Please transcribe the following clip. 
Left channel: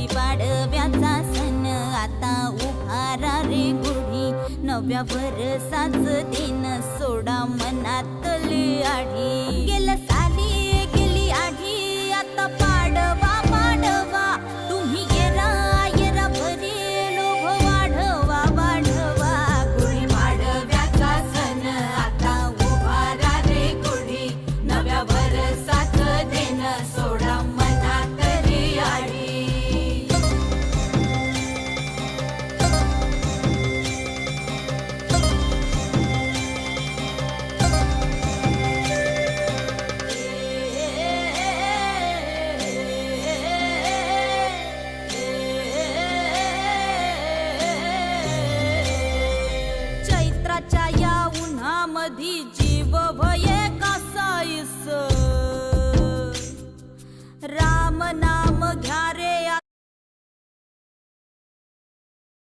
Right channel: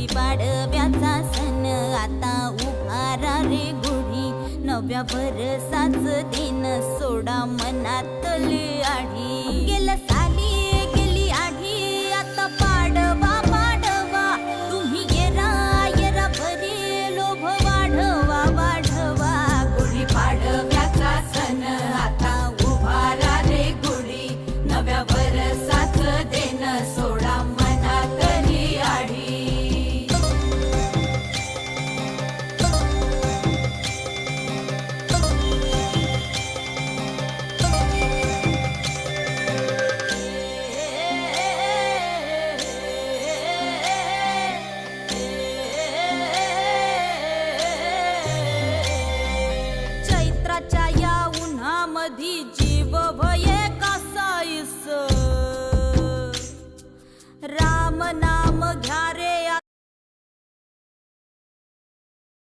गुढी पाडव्याचा सण आता उभारा रे गुढी, नव्या वर्षाच दिन सोडा मनातली आढी. गेल्या साली